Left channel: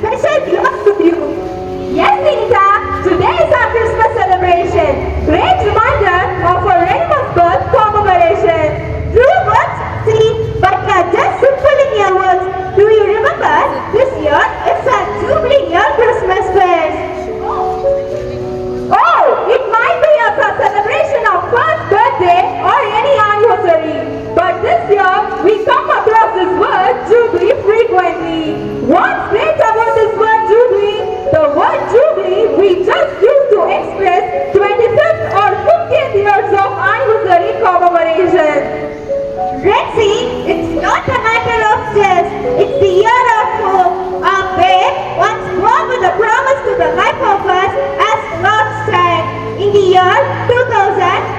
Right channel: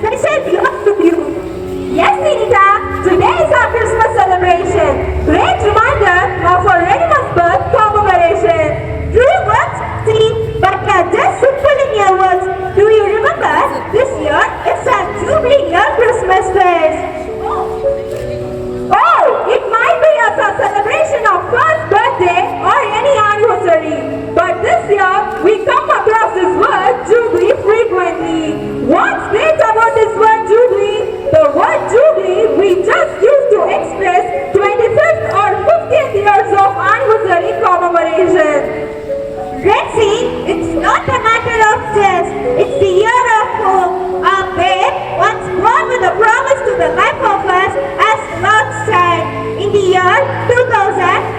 special beyond with you. Yes, Vinita, today is our Christmas celebration. Great reminder of our Renima's birth commemoration. True words, see, but just simple in your words. Do you remember this year it's our Jubilee Year Christmas Fest? Oh, it might be as a celebration of first birthday or any anniversary. But this year, we come across this word Jubilee frequently. What's great about this word Jubilee? The word Jubilee we just used to express 25th or 50th years of anniversary commemoration. Rexy, it's not a matter of just, it's the year of hope. Our babe once born with a promise to the life of us as Lord's child. In the year 2000,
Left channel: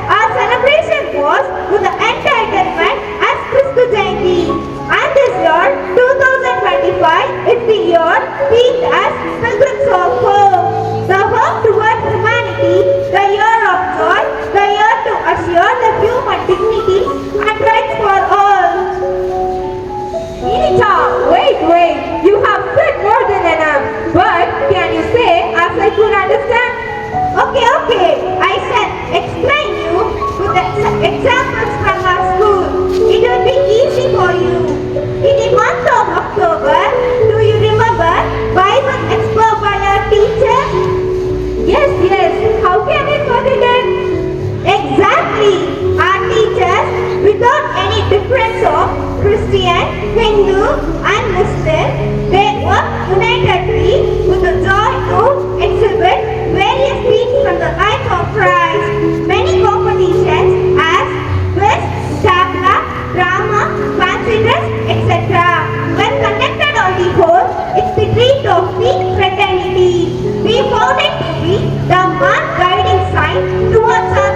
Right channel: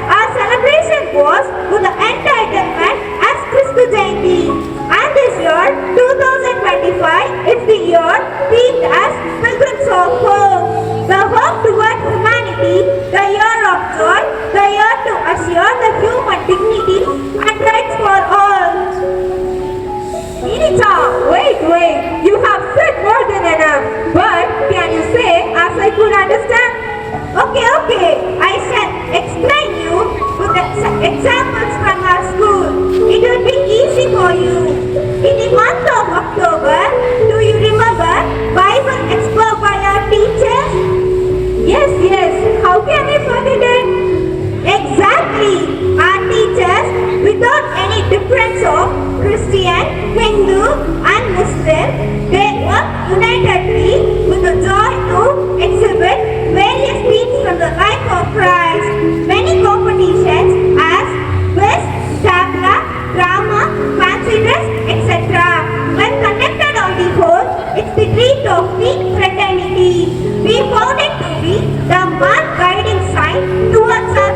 our celebration was with the entitlement as Christu Jayanti. And this year, 2025, is the year themed as Pilgrims of Hope. The hope towards humanity, the year of joy, the year to assure the human dignity and rights for all. Anita, wait, you have said more than enough. But can you say as I could understand? Okay, I shall explain you with examples from our school. It will be easy for you. In the month of October, do you remember Bible Expo by our teachers? Yes, how can we forget it? Exactly, our teachers, without any difference of Christian, Hindu and Muslim, they work unitedly with the joy to exhibit various themes from the life of Christ. Many competitions as quiz, tabla, drama, fancy dress, etc. When conducted on the whole, it's the treat of peak fraternity. We found it to be the mark guiding sign towards our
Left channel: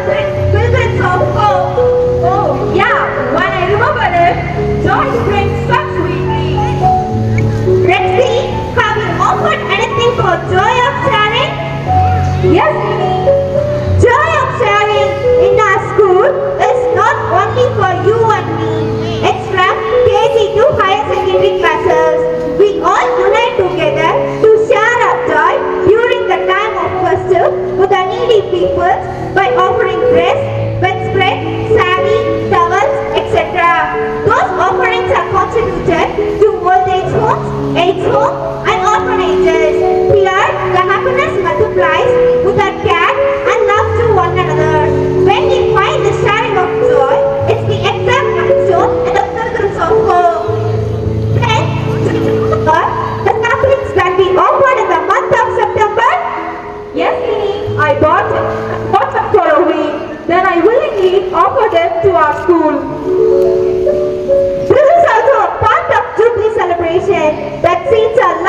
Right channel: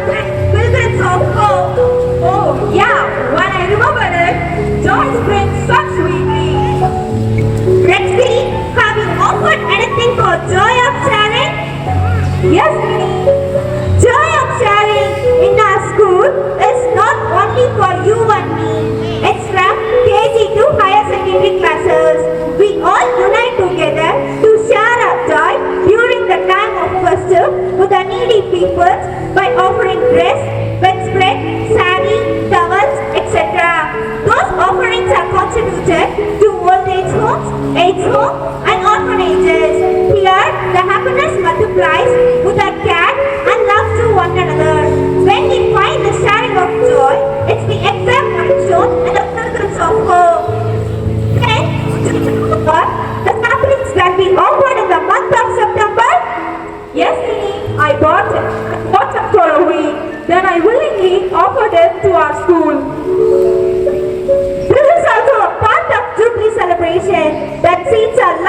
pilgrims of hope. Oh, yeah, when I remember it, joy springs such sweetly. Rexy, have you offered anything for joy of sharing? Yes, Minnie. Joy of sharing in our school is not only for you and me. It's from KG to higher secondary classes. We all unite together to share our joy during the time of festive with the needy people by offering dress, bedspread, sari, towels, etc. Those offerings are contributed to old age homes, AIDS homes, and orphanages. Here, the happiness multiplies with our care and love to one another. When we find the sharing of joy, it's the exact action and the pilgrims of hope. Then, the saplings can be offered in the month of September. Yes, Minnie, I bought them for a week. Then I willingly offered them to our school. This is also a part of Jubilee celebration that seeds our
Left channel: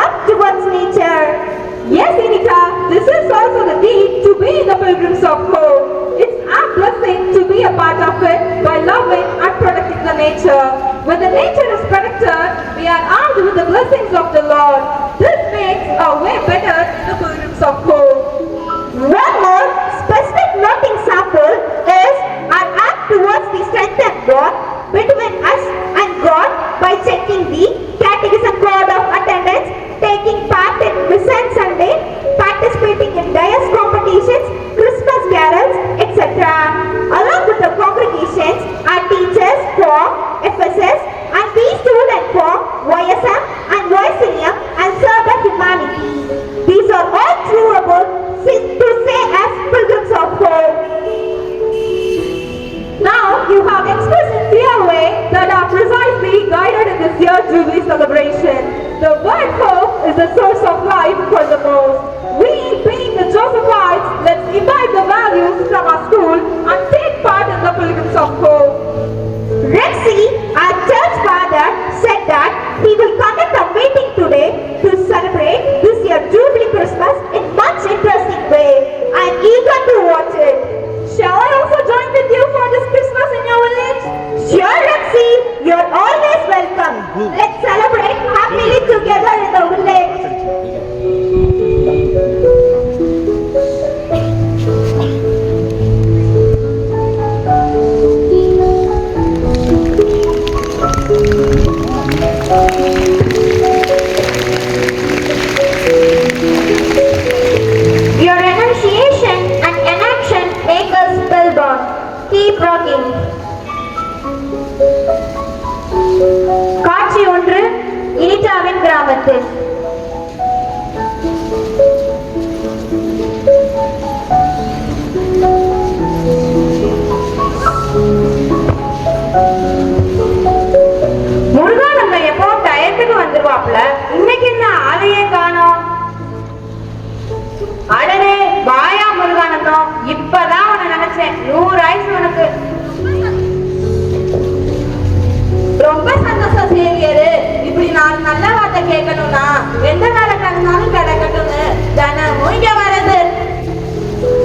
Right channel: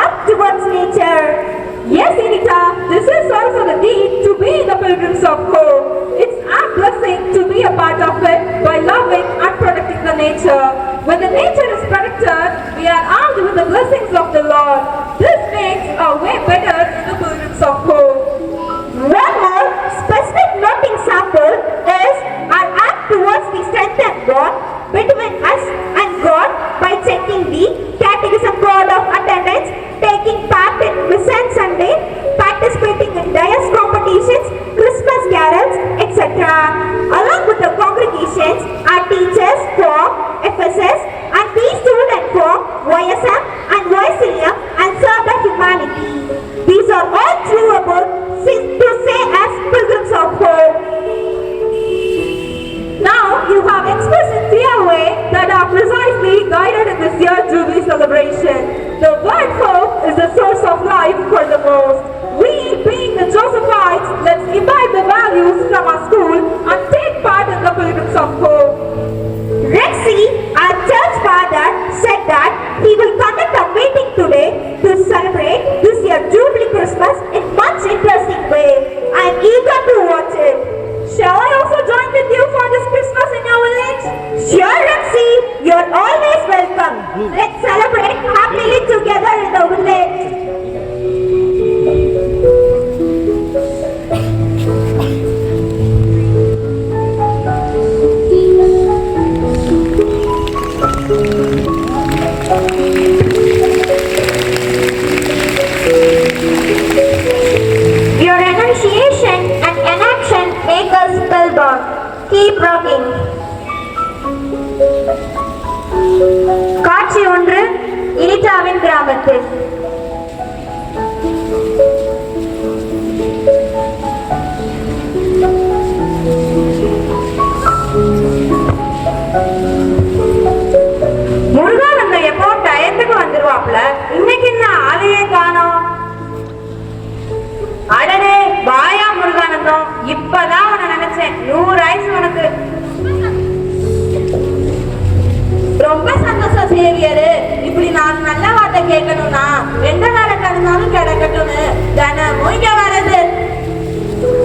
நாலு நல்ல வார்த்தை கேட்கணும்னா எந்த வேலை கிடந்தாலும் கிடைக்கட்டும்னு தினமும் இங்க வர்றது.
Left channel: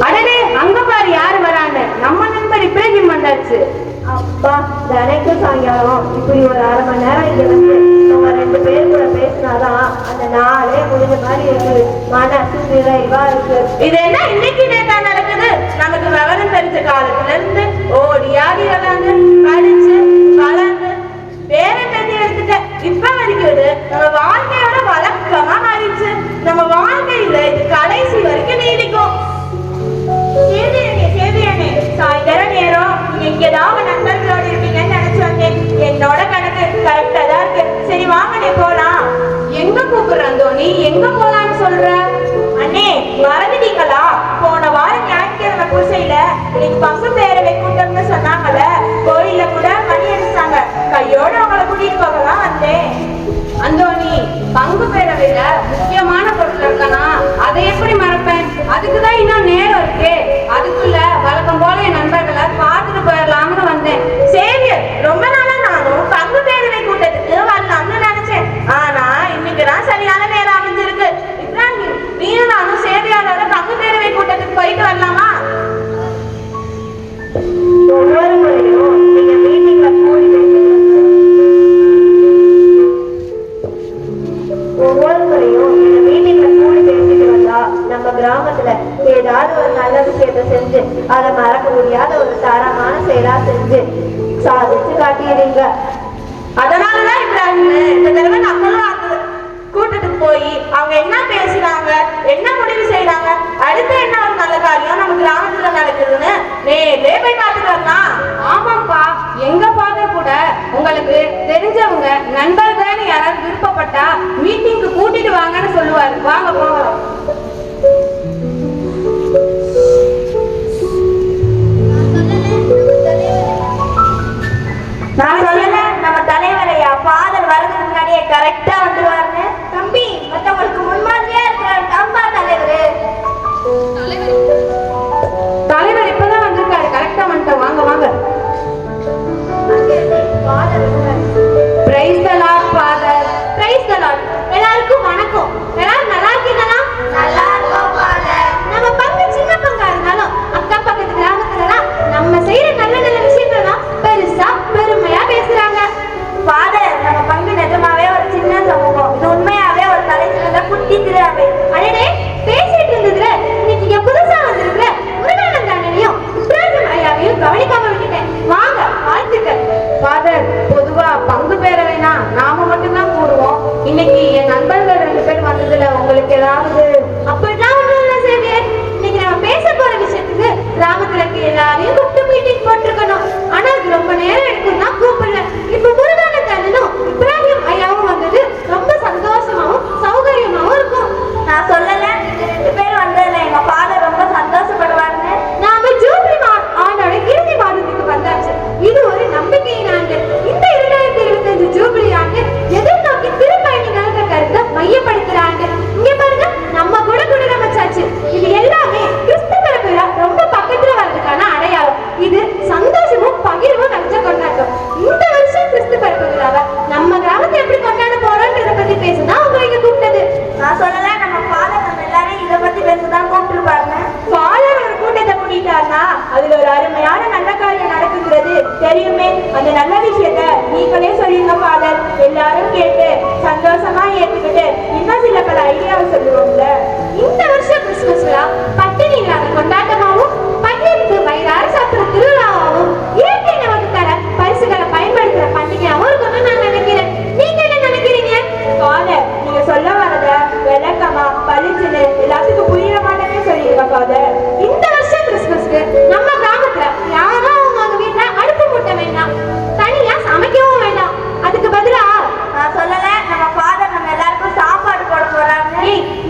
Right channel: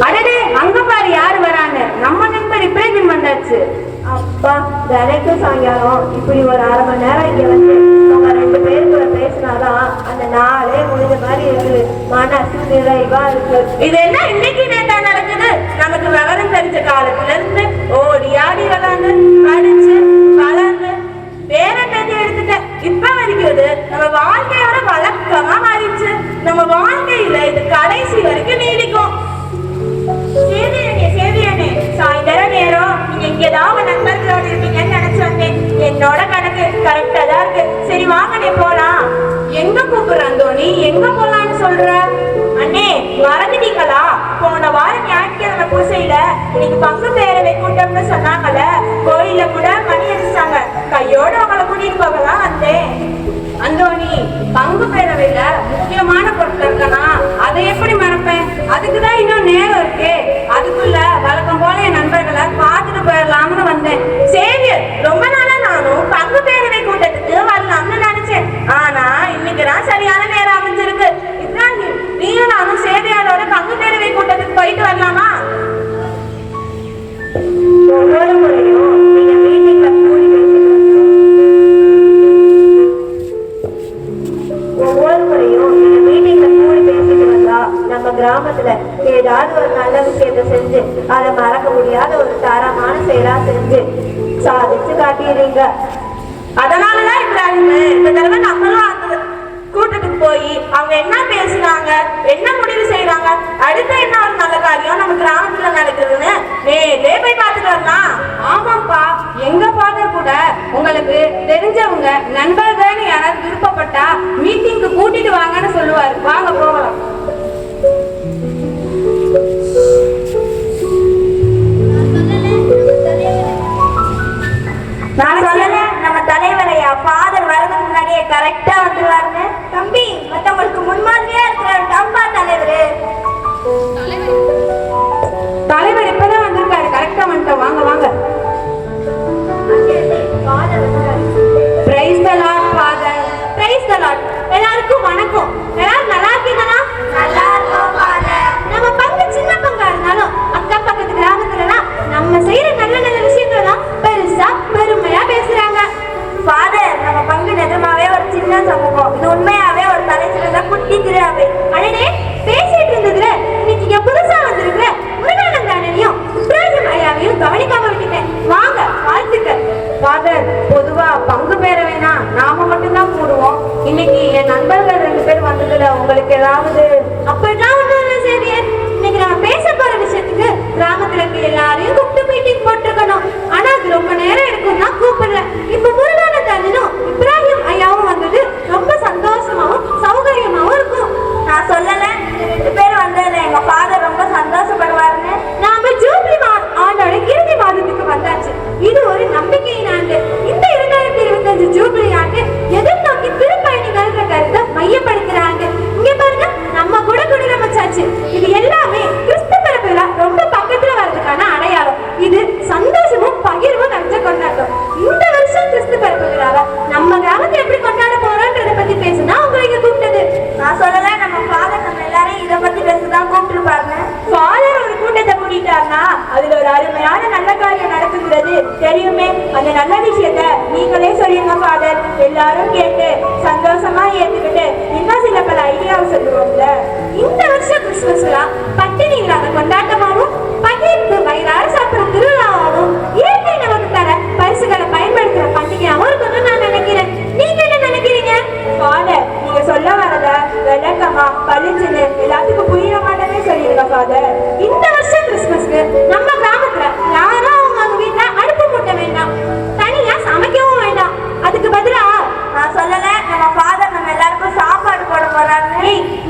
அடடே, அங்க பாரு யாரு வரான்னு. நம்ம நண்பர் இப்படி வந்தாச்சு. அப்பா, தினைக்கும் சாயங்காலம் இப்படி ஒரு அரை மணி நேரம் இங்க வந்து நம்ம ரெண்டு பேரும் கூட பேசினாதான் அந்த நாளே முடிஞ்ச மாதிரி இருக்கு. மனசு நிறைவா இருக்கு. இது என்ன இன்னைக்கு நேத்தா நடக்குது? நமக்கு விவரம் தெரிஞ்ச காலத்துல இருந்து ஓடி ஆடி விளாண்டு படிச்சு வளர்ந்து பேரன் எழுதி எடுத்துட்ட இப்ப வரைக்கும் இது நம்ம வாழ்க்கையோட வழக்கமா மாறிடுச்சு. நம்ம வாழ்க்கையில இது கடைசி வரைக்கும் நீடிக்கும். சேதியனே, சாயந்தரம் நேரம் நீங்க இங்கதான் நண்பர்களோட இருப்பீங்கன்னு நினைச்சு வந்தேன். என்னோட கணக்கு கரெக்டா தான் இருக்கு. சரி வாங்க நீ போலாம். எங்க கூப்பிடுறான் தோனி? எங்க போலான்னு சொல்ற? அண்ணே, மறந்துட்டீங்களா? போன வாரம் ஞாயிற்றுக்கிழமை பூசையில இன்னைக்கு பங்கு பேரவை கூட்டம்னு சொன்னாங்கல்ல, கோயில்ல கூட மணி அடிச்சாங்க. கையோட அவங்களை கூட்டிட்டு போகலாம் வந்தேன். அந்தோனி, பங்கு பேரவையில முக்கியமான பொருட்கள் இருக்கனா, அதை எப்படி மறப்பேன்? அதுக்குதான் இன்னும் நேரம் இருக்கு. அதுக்குள்ள வழக்கம் போல என் நண்பர்களை பார்த்துட்டு போயிடலாம்னு வந்தேன். சரி, ரொம்ப நாளா நானும் பங்கு பேரவை கூட்டத்துக்கு வரலாம்னு நினைச்சேன். ஆனா இன்னைக்குதான் சரியான நேரம் அமைஞ்சிருக்கு. இப்ராஹிம், நீயும் நானும் சேவையாளோட பங்கு பேரவை கூட்டத்துக்கு போயிட்டு வரலாமா? ஒவ்வொரு முறையும் நீங்க மீட்டிங் கூடி பேசிட்டு வந்தா நம்ம கிராமத்துல ஏதாவது ஒரு நல்ல விஷயத்த செஞ்சு அதை மறக்க முடியாத ஒரு தரமான செயலா செஞ்சு சாதிச்சு காட்டிடுறீங்க. அதனாலதான் இந்த தடவை நம்மளும் அந்த கூட்டத்துக்கு போய் அவங்க என்ன பேசுறாங்க, என்ன முடிவு செய்யறாங்க, அடுத்த என்ன ஒரு நல்ல காரியம் நம்ம கிராமத்துல நடக்குதுன்னு நேரே போய் பார்த்துட்டு வரலாம். ஆமாப்பா, எங்க ஃபாதர் கூட உங்களுக்கு தெரிஞ்சவங்க நண்பர்கள் யாராவது விருப்பப்பட்டா மீட்டிங்க்கு கூட்டிட்டு வாங்கன்னு சொல்லுவாரு. வாங்க போகலாம். நான் சொல்லல, நம்ம தலைவரையா ஃபாதர் வரதுக்கு முன்னாடியே கரெக்டா வந்துருவாருன்னு. தம்பி, மத்தவங்களுக்கு முன்மாதிரியா இருக்கிறாரு தம்பா தலைவரு. தலைவர் இப்பதான் வந்திருக்காரு. கரெக்டா வந்துட்டோம். வாங்க வாங்க. Praise the Lord father. Praise the Lord. எல்லாருக்கும் வணக்கம். எல்லாரும் நல்லா இருக்கீங்களா? நல்லா இருக்கோம் ஃபாதர். நம்ம பங்கு சின்ன பங்கா இருந்தாலும் அக்கம் பக்கத்து கிராமத்துலலாம் நம்ம செய்யற நல்ல நல்ல விஷயங்கள் தான் பெருசா பெருமையா பேசுறாங்க. ஃபாதர், நம்ம பங்கு நிஜமாவே ஒரு சின்ன சமூகம். இது உண்மையாவே ஒரு தலைச்சிறந்த குட்டி திருவிழாவே. அடடே, பேசிட்டு இருந்ததுல இன்னைக்கு இங்க புதுசா வந்திருக்கிற முருகானந்த அண்ணனையும் இப்ராஹிம் ஐயாவையும் கவனிக்காம விட்டுட்டேன். வாங்க, வாழ்த்துக்கள். ஃபாதர், பொதுவா பங்கு பேரவைனா நாம மட்டும்தான் கூடுவோம். இன்னைக்கு என் நண்பர்கள் 2 பேர் வந்ததுல உங்களுக்கு ஏதாவது? அப்படிதான் ஒண்ணும் இல்ல சேவியர். இன்னைக்கு நம்ம பேச போற விஷயத்துக்கு கிராமத்துல இருக்க எல்லாரையும் கூப்பிட்டு மீட்டிங் போட்டிருக்கணும். ஆனா அது ரொம்ப நேரம் எடுக்கும் தான் கூப்பிடல. இப்ப முருகானந்த அண்ணனும் இப்ராஹிம் ஐயாவும் வந்தது ரொம்ப சந்தோஷமாவும் சௌகரியமாவும் இருக்கும். நான் சொல்லல, 2 பேரும் வந்ததுல எங்க ஃபாதர் ரொம்ப சந்தோஷப்படுவாருன்னு. நாம ஜூலை ஆண்டோட இறுதி மாதத்துக்கு வந்தாச்சு. இது ஒரு நம்பிக்கையின் ஆண்டு. இந்த 2025 ஜூபிலி ஆண்டு எதிர்நோக்கி திருப்பயணிகள் கருத்தை மையப்படுத்துற ஆண்டு. இங்க பாருங்க, நம்ம கூட குடியமைச்சாச்சு. இது எல்லாமே கிறிஸ்து பிறப்பு விழா ரொம்ப பக்கத்துல வர்றதுக்கான அடையாளம். இது சந்தோஷமும் பகிர்வும் நிறைஞ்ச கொண்டாட்டம். இந்த வருஷம் கிறிஸ்து பிறப்பு விழாவை நம்ம கிராமத்துல எப்படி கொண்டாட போறோம்ன்றத பத்தி பேசதான் உங்க இங்க கூப்பிட்டது. நான் சொல்லல, நம்ம ஃபாதர் நம்ம எல்லாரும் இதை பத்தி பேசதான் கூப்பிட்டுருப்பாங்க. ஃபாதர் ஒரு கூட்டத்தை கூட்டிட்டாருன்னா அதுல ஒரு அருமையான நல்ல காரியம் நடக்குங்கிறது தெரியுமே. அந்த நல்ல விஷயத்த நீங்களே சொல்லிருங்க ஃபாதர். எல்லாரும் கேட்டு சந்தோஷமா ஏத்துக்கிட்டு இன்னும் சில பல ஐடியாவை சொல்லுவோம்ல. இந்த வருஷம் கிறிஸ்துமஸ்ல பட்டினி இல்லாத கொண்டாட்டமாவும் பகிர்ந்து வயிறார சாப்பிடுற திருவிழாவும் இயற்கை நமக்கு தர பரிசுகளை பயன்படுத்துற பண்டிகையாவும் இருக்கணும்னு நான் நினைக்கிறேன். நீங்க என்ன நினைக்கிறீங்க ஃபாதர்? நீங்க சொல்ல வரத விளக்கமா பளிச்சுன்னு எல்லாத்துக்கும் புரியுற மாட்டமே சொல்லிருக்க ஃபாதர். இந்த வருஷம் கிறிஸ்துமஸ்க்கு நம்ம கிராமத்துல யாரும் அவங்க வீட்டுல அடுப்பு மூட்ட வேண்டாம், தனியா சமைக்கவும் வேண்டாம். அதுக்கு பதிலா நான் சொல்லல, நம்ம ஃபாதர் நம்ம எல்லாருக்கும் சாப்பாடு போட போறாங்க.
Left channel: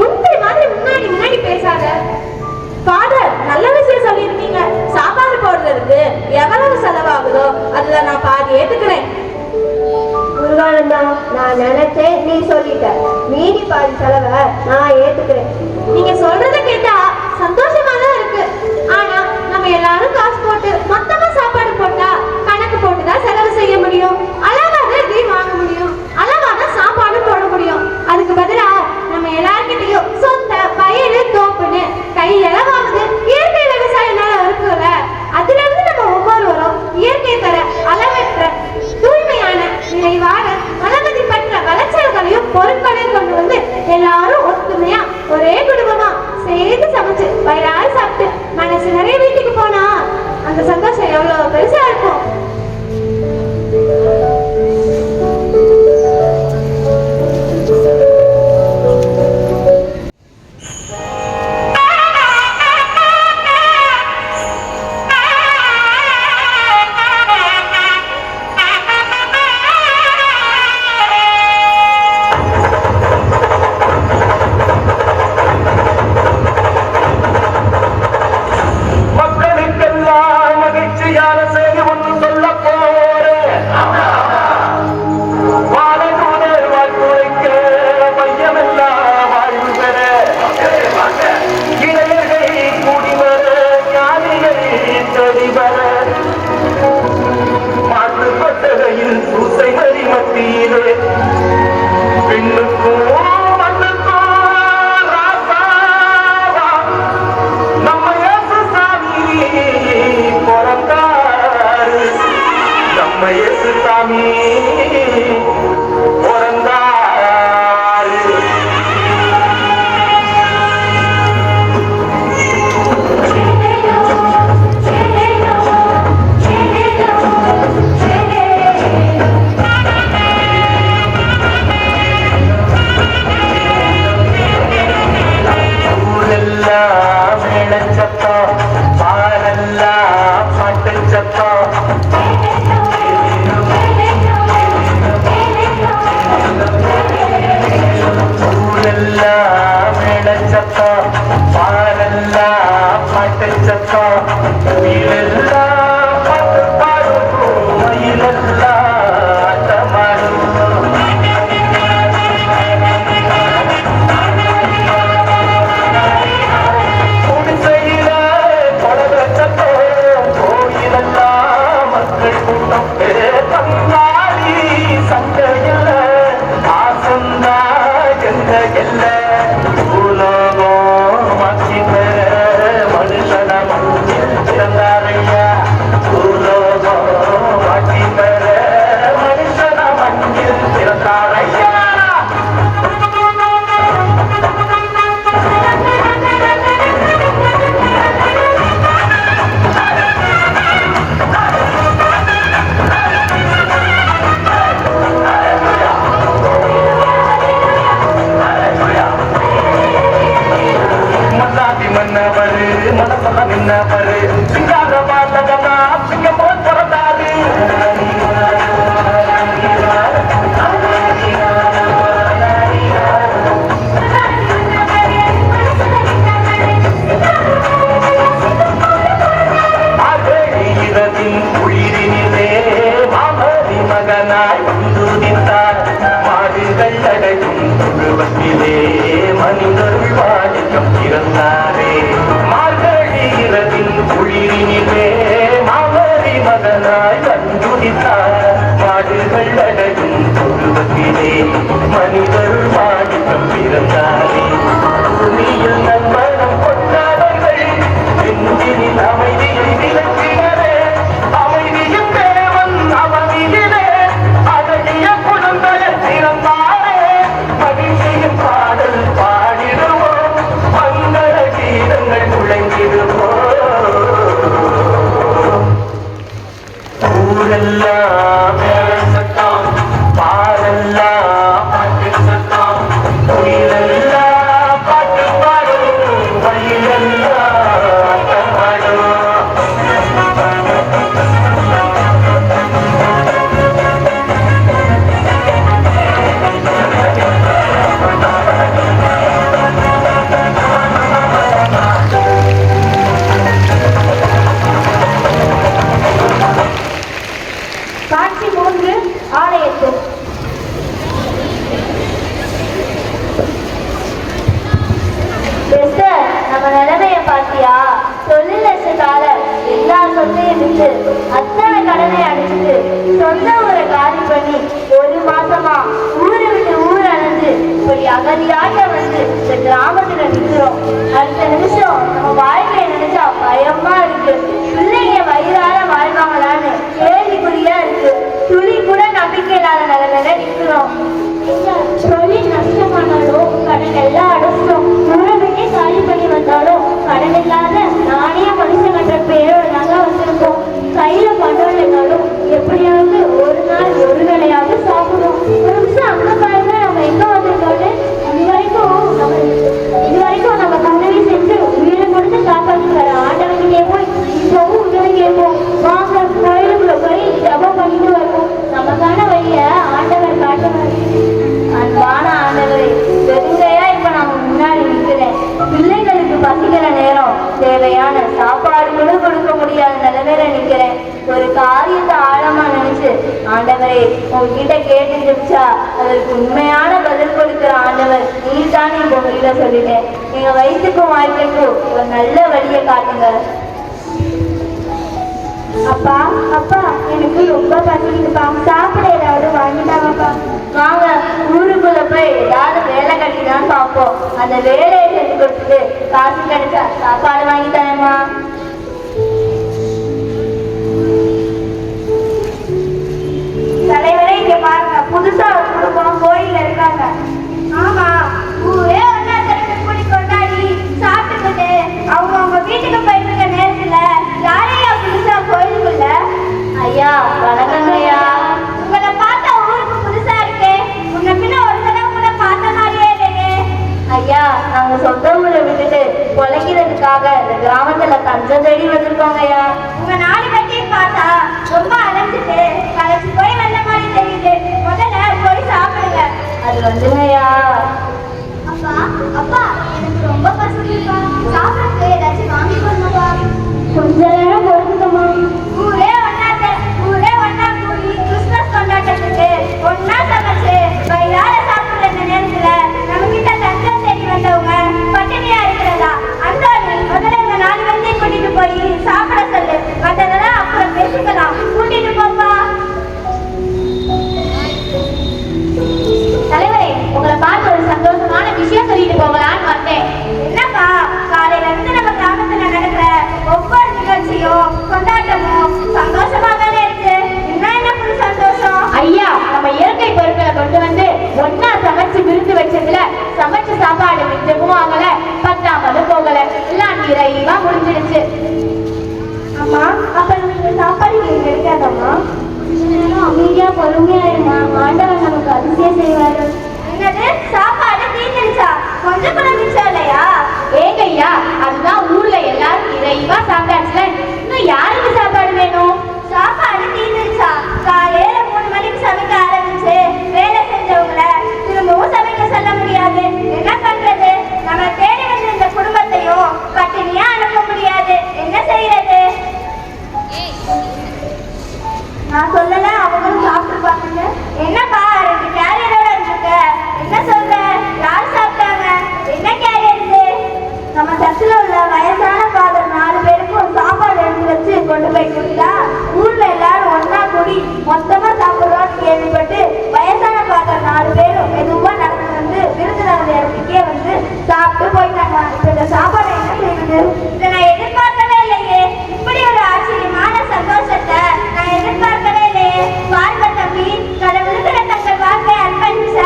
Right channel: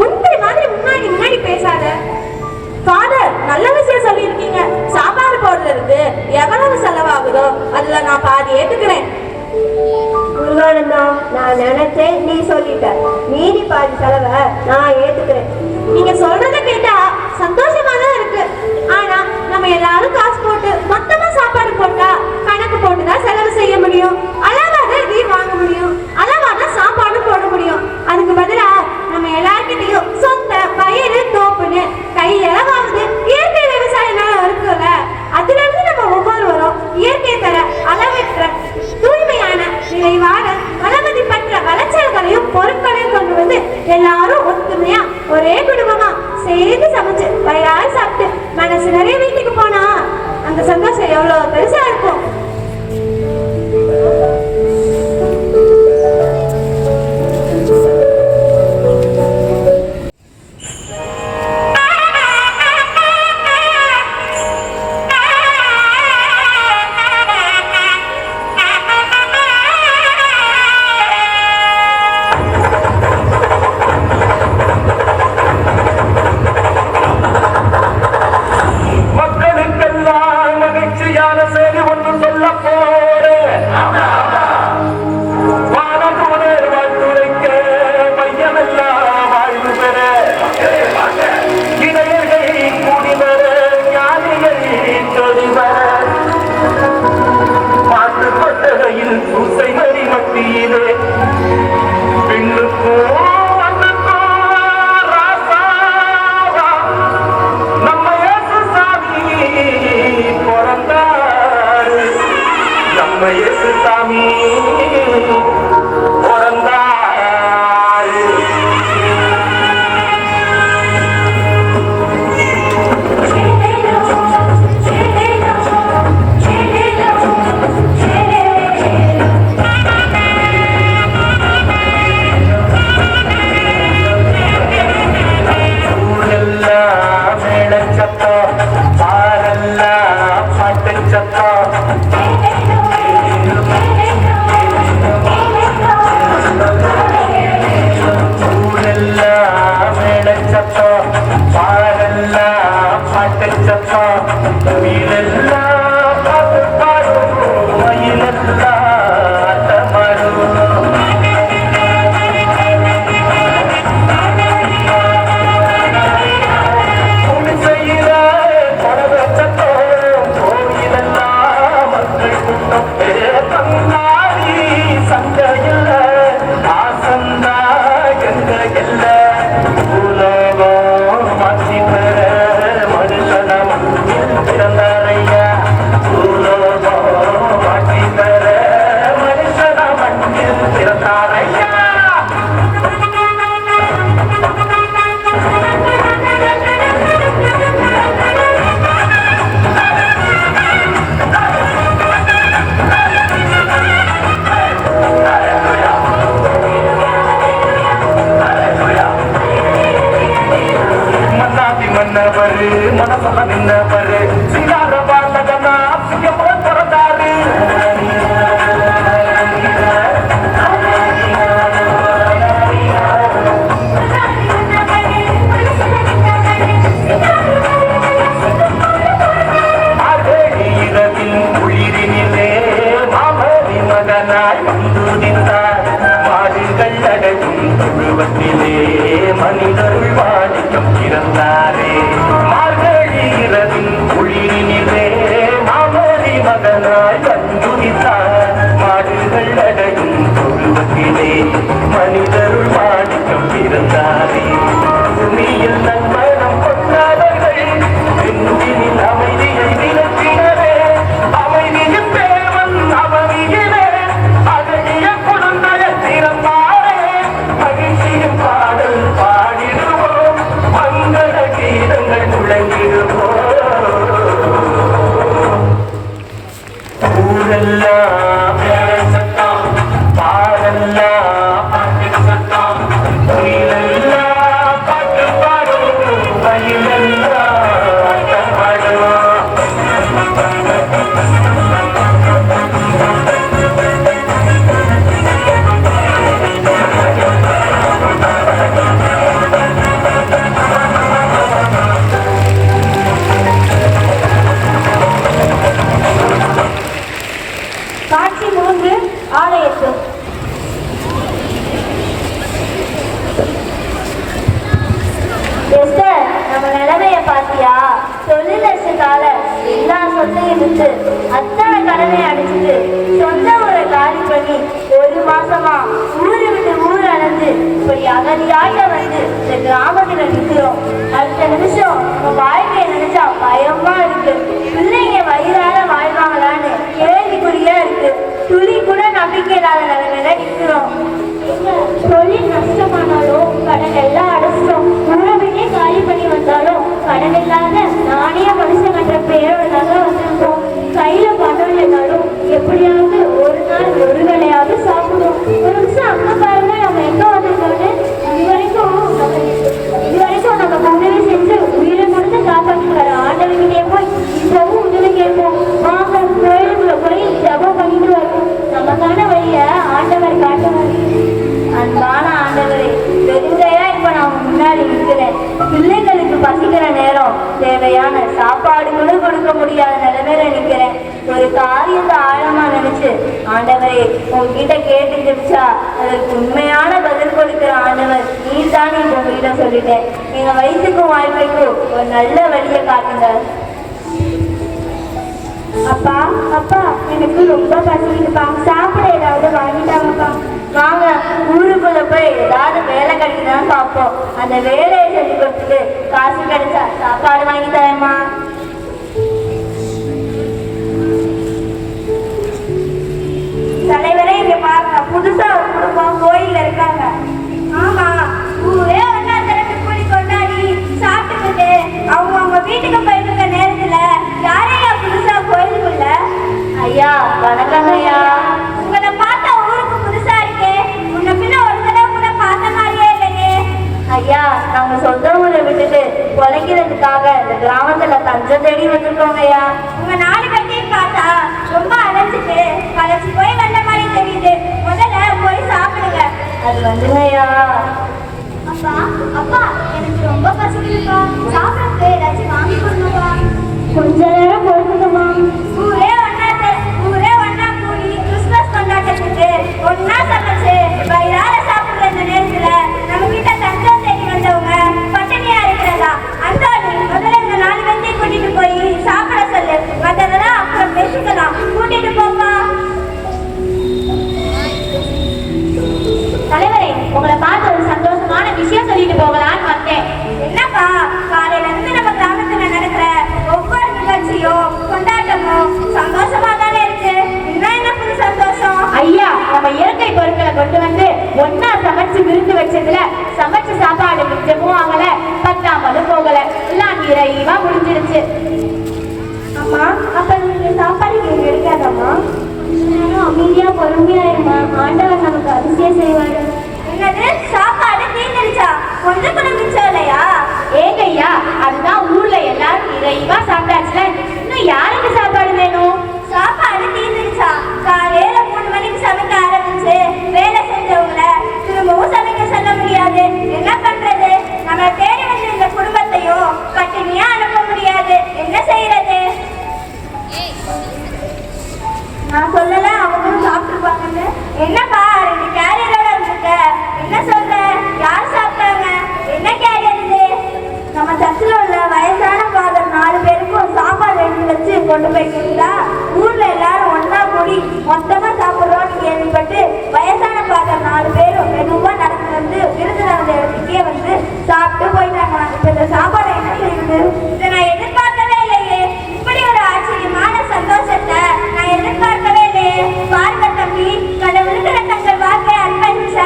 முந்திரி மாதிரி முன்னாடி பேசாத ஃபாதர். நல்ல விஷயம் சொல்லியிருக்கீங்க. சாப்பாடு போடுறதுக்கு எவ்வளவு செலவாகுதோ அதுல நான் பாதி ஏத்துக்கிறேன். முருகானந்தா, நான் நினைச்சேன், நீ சொல்லிட்ட. மீதி பாதி செலவை நான் ஏத்துக்கிறேன். நீங்க சொல்றத கேட்டா சந்தோஷமா தான் இருக்கு. ஆனா நம்ம எல்லாரும் காசு போட்டு மொத்தமா சாப்பாடு போட்டா கணக்கு போட்டுதான் செலவு செய்ய முடியும். அளவாதான் இதையும் வாங்க முடியும். அளவாதான் சாப்பாடும் எல்லாரும் ஒத்துமையா ஒரே குடும்பமா சேர்ந்து சமைச்சு வயிறார சாப்பிட்டு மனசு நிறைய வீட்டுக்கு போனா அந்த சந்தோஷம் எவ்வளவு பெருசா இருக்கும். பாத்தியா தொழிலரசுக்காக எல்லா சொத்தையும் விட்டு அத்தனை கடனை அடிச்சுட்டு சொந்த ஊரை காலி பண்ணி ஒரு மாசமா ஊரை விட்டு ஊர் அடைஞ்சு இப்படி அகதியாக வந்து இந்த கிராமத்துல நிற்கிறோம். அடுத்த நிமிஷம் நம்ம வாழ்க்கையை நினைச்சா பயமா இருக்கு. பிள்ளைங்க வயிறார வாழ்வாங்களான்னு கேள்விக்குறியா இருக்கு. துளி கூட நம்பிக்கை இல்லாத நிலைமையில நிற்கிறோம். தொழில் நஷ்டமானாலும் கடனை தேவையான சாப்பாடு கூட கொடுக்க முடியாத நிலைமையில நிக்கிறேன். ஒரு காரியத்தை ஆழமா நினைச்சு, ஆண்டவரே உங்ககிட்ட கேட்டு ஜெபிச்சா அதற்கு உண்மையான பதில் கொடுக்கிற ஆண்டவர் நீதானே இப்ப உங்ககிட்ட சொல்லிட்டேன். எங்க வயிற்றுக்கும் வாழ்க்கைக்கும் ஒரு நல்ல வழியை காட்டுங்க. அப்பா அப்பா, எனக்கு ரொம்ப பசிக்குதுப்பா, சாப்பிட ஏதாவது வாங்கிட்டாங்கப்பா. வாங்க, ஊருக்குள்ள போய் ஏதாவது வேலை கிடைக்குதான்னு பார்ப்போம். அந்த வேலையை செஞ்சு கொடுத்துட்டு காசு கிடைச்சா சாப்பாடு வாங்கி தரேம்மா. தலைவரே இங்க பாருங்க, புதுசா ஒரு குடும்பம் கோயில்ல இருக்காங்க. ஆமா, ஊரே ஒன்னாத்திரத்தை கூடி கொண்டாடி சாப்பிட்டுக்கிட்டு அவங்க வீட்டுக்கு போயிருக்க நேரத்துல யாரையும் புதுசா கோயிலுக்குள்ள. ஐயா வணக்கம் ஐயா. உங்களை பார்த்தா ஊருக்கு புதுசா இருக்கே, உன்னை பின்ன ஒரு தடவை கூட பார்த்த மாதிரியே இல்லையே. ஐயா, நாங்க சொந்த ஊரை விட்டுட்டு பொழைக்கிறதுக்காக இந்த கிராமத்துல தஞ்சம் தேடி வந்திருக்கோங்க ஐயா. உங்க நாலு கட்டியும் பார்த்தா ரொம்ப அலைஞ்சிட்டு களைச்சு போய் வந்த மாதிரி தெரியுது. முதல்ல போய் சாப்பிடுங்க. அது வந்துங்க ஐயா. அப்பா அப்பா, எனக்கு ரொம்ப பசிக்குதுப்பா, சாப்பிடுறதுக்கு ஏதாச்சும் வாங்கி கொடுங்கப்பா. கொஞ்ச நேரம் பொறுத்துக்கம்மா. ஊரே ஒன்னா கூடி கிறிஸ்துமஸ் கொண்டாட்டத்துக்கு ஒன்னா சமைச்சு வயிறார சாப்பிடுற இந்த நேரத்துல நம்ம கிட்ட தஞ்சம் தேடி வந்தவங்க பட்டினியா இருக்கிறதா? அந்தோடு முதல்ல இந்த நாலு பேர்த்தையும் கூட்டிட்டு போய் சாப்பிட சொல்லு, மற்றதெல்லாம் அப்புறம் பேசிக்கலாம். கூட்டிட்டு போப்பா. தலைவரே, உங்களை பார்த்து ஒரு சந்தோஷமான விஷயம் சொல்லிட்டு போகலான்னு வந்தேன். என்னப்பா, காலையில இருந்து நம்ம கிராமத்துல நடக்கிற ஒவ்வொரு நிகழ்ச்சியும் கொண்டாட்டமும் சந்தோஷமா தானே இருக்கு. இன்னும் என்ன புது சந்தோஷம்? ஐயா, நம்ம இயற்கை பொருட்களை கொண்டு வந்து ஒன்னா சமைச்சு விருந்து வச்சதுல சமைச்ச சாப்பாடு மிச்சமும் ஆகல, பத்தாமலும் போகல, எல்லாம் நிறைவா முடிஞ்சிருச்சு. அம்மா, அப்ப நீங்க சாப்பாடு நீங்க இருக்காதம்மா. அமைதியா பொறுமையா இருந்தா ஆண்டவன் நமக்கு அதிசயம் செய்வாரு. என்னது, சாப்பாடு தீர்ந்துருச்சா? கொஞ்சம் கூட மிச்சம் இல்லையா? ஏங்க ஐயா, அதுதான் ஊர்ல எல்லாரும் நிறைவா சாப்பிட்டாச்சுல, இன்னும் யாருக்கு சாப்பாடு வேணும்? சாப்பாடு தீர்ந்துருச்சா? காலையில 3 மணிக்கு சமைக்க ஆரம்பிச்சு வேலை செஞ்சவங்கள திரும்பவும் சமைக்க சொல்ல முடியாது. என்ன பண்றது? நம்ம தேடி வந்த இந்த குடும்பத்தையும் பட்டினியா அனுப்ப முடியாது. என்ன செய்யறது? நான் சொல்லல, அவங்களும் சாப்பிட்டுருப்பாங்க. என்னப்பா 2 கேரியரோட இருக்க, என்ன சொல்ற? யார் சாப்பிட்டாங்க? என்ன கேரியர் இது? நம்ம சர்ச்சில் உள்ள வயசான ஃபாதர் 4 பேருக்கும் சாப்பாடு எடுத்து வச்சு கொண்டு போய் கொடுத்தா ஊர்ல எல்லாரும் ஒன்னா கூடி மொத்தமா சாப்பிடுறோம்னு கேள்விப்பட்டு வயசான ஃபாதர் 4 பேரும் மெதுவா நடந்து வந்து விருந்தினர் இடத்துக்கே வந்து சாப்பிட்டு போயிட்டாங்க. இந்த சாப்பாடு என்ன செய்யுது? இதை நான் எதிர்பார்க்கவே இல்லையே. இப்படி ஒரு ஆச்சரியமான சந்தோஷத்தை நான் எதிர்பார்க்கவே இல்லையே. பாருங்க தம்பி, கடவுளுக்கு தங்கள் வாக்கை அர்ப்பணிச்ச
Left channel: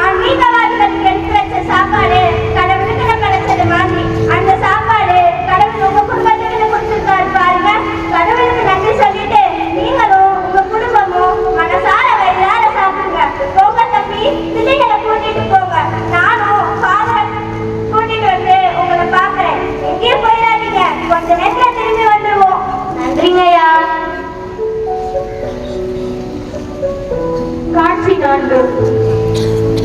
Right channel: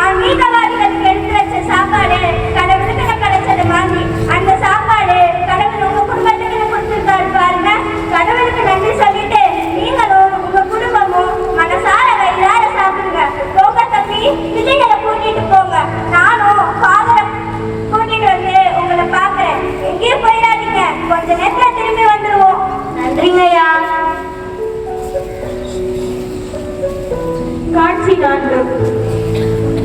ஆன்மீகவாதிகளுக்கு எடுத்து வச்ச சாப்பாடு கடவுளுக்கு கிடைச்சது மாதிரி அந்த சாப்பாடு கடவுள் உங்க குடும்பத்துக்கு கொடுத்துருக்காரு பாருங்க. கடவுளுக்கு நன்றி சொல்லிட்டு நீங்களும் உங்க குடும்பமும் மனசார வயிறார சாப்பிடுங்க. போங்க தம்பி, பிள்ளைகளை கூட்டிட்டு போங்க. நானும் ஃபாதரை கூட்டிட்டு வந்து உங்களை பாக்குறேன். எங்கேயும் போயிடாதீங்க, கொஞ்ச நேரத்துல திரும்பி வந்துருவோம். நன்றிங்க ஐயா. காட்சி 4.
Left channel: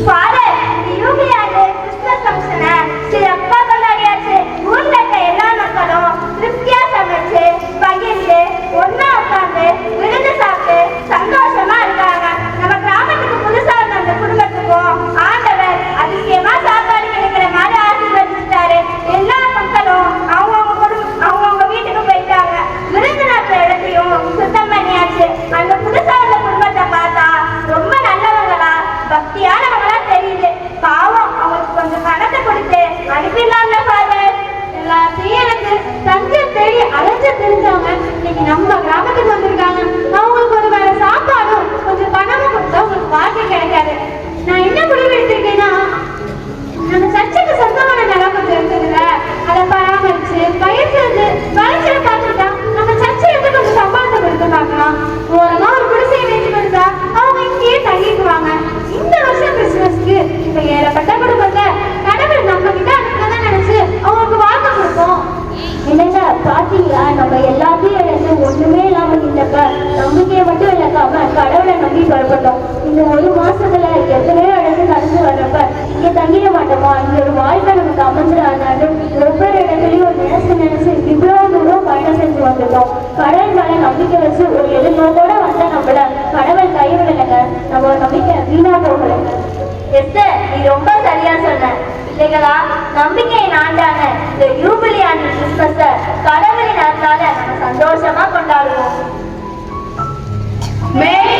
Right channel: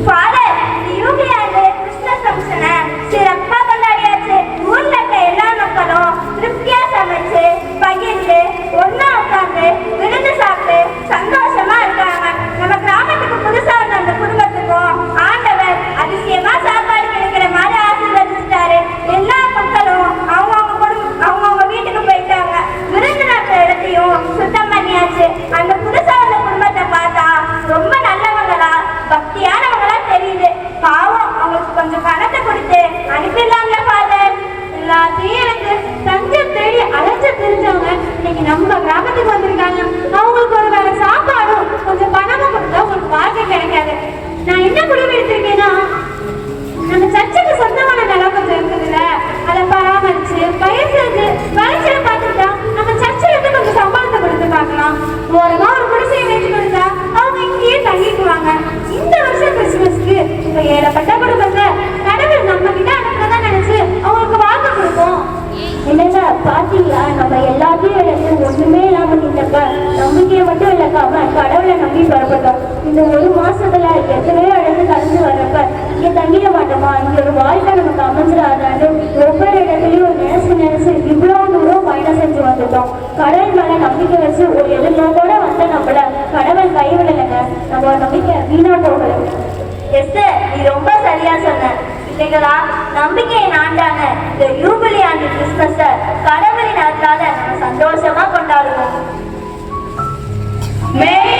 ஃபாதர், இந்த யூபி ஆண்டு கிறிஸ்துமஸ் ஃபங்க்ஷனை சிறப்பா கொண்டாடியாச்சு. ஊர்ல இருக்க எல்லா மக்களும் திருப்தியா சமைச்சு பகிர்ந்து ஒன்னா உட்கார்ந்து விருந்து சாப்பிட்டு சந்தோஷமா இருக்காங்க. நம்ம கிராமத்துக்கு புதுசா வந்த அந்த குடும்பத்துக்கும் ஆண்டவர் அதிசயமா சாப்பாடு கிடைக்கிற மாதிரி ஆசீர்வதிச்சிட்டாரு. எல்லா மக்களும் அவங்கவுங்க வீட்டுக்கு போயிட்டாங்க. விருந்து நடக்கிற இடத்தையும் சுத்தம் பண்ணியாச்சு. அந்த புதுசா வந்த குடும்பத்தை பார்த்தா ரொம்ப நல்லவங்களா பக்தியானவங்களா தெரியுது. பாவம், அவங்களுக்கு கொஞ்சம் பணத்தை கொடுத்து அனுப்பிடலாம்ல ஃபாதர். எல்லாத்தையும் எனக்கு தஞ்சம் தேடி அலைஞ்சு தெரிஞ்சவங்க இன்னைக்கு நம்ம கிராமத்துக்கு வந்திருக்காங்க. அவங்களுக்கு ஒரு வேலை சாப்பாடும் கொஞ்சம் பணமும் கொடுத்தா உங்களுக்கு வாழ்க்கை கிடைக்காது. நான் என்ன முடிவு எடுத்திருக்கேன்னா, நம்ம சர்ச்சுக்கு சொந்தமான நிலம் கொஞ்சம் இருக்குதுங்க, அதை பராமரிச்சு பயிர் செஞ்சு விளைச்சலை பார்த்துட்டா நம்ம சர்ச்சில் இருந்து கொஞ்சம் சம்பளத்தை கொடுத்து பார்க்கலாம். ஓரமா ஒரு குடிசையை வீட்டு கொடுத்தா அவங்க இங்கேயே தங்கிக்குவாங்க. இந்த வருஷம் கிறிஸ்துமஸ்க்கு இந்த ஏழப்பட்ட குடும்பத்தை கடவுள் நம்ம கிட்ட அனுப்புறதான் நினைச்சு அவங்களுக்கு வாழ்க்கை கொடுப்போம். என்னங்க பாத்தீங்களா, நம்ம எல்லாத்தையும் இழந்து ஒண்ணுமே இல்லாம நின்றப்ப நம்பிக்கையை மட்டும் இழக்காம கடவுளை நம்பி பரப்பட்டோம். இந்த 1 மாசத்துல எத்தனையோ இடத்து கடந்து வர்றப்ப இங்க தங்கிட மாட்டோமா, இங்க ஒரு வாழ்க்கை நமக்கு அமைஞ்சிடாதான்னு ஒவ்வொரு இடத்துலயும் நினைச்சு எஸ் நீ ரொம்ப சரியா சொன்ன. பிள்ளைகளா, நம்பிக்கையின் ஆண்டான இந்த யூபிலி ஆண்டு கிறிஸ்துமஸ கடவுளின் அருளால நம்ம சந்தோஷமா கொண்டாடுவோம். Merry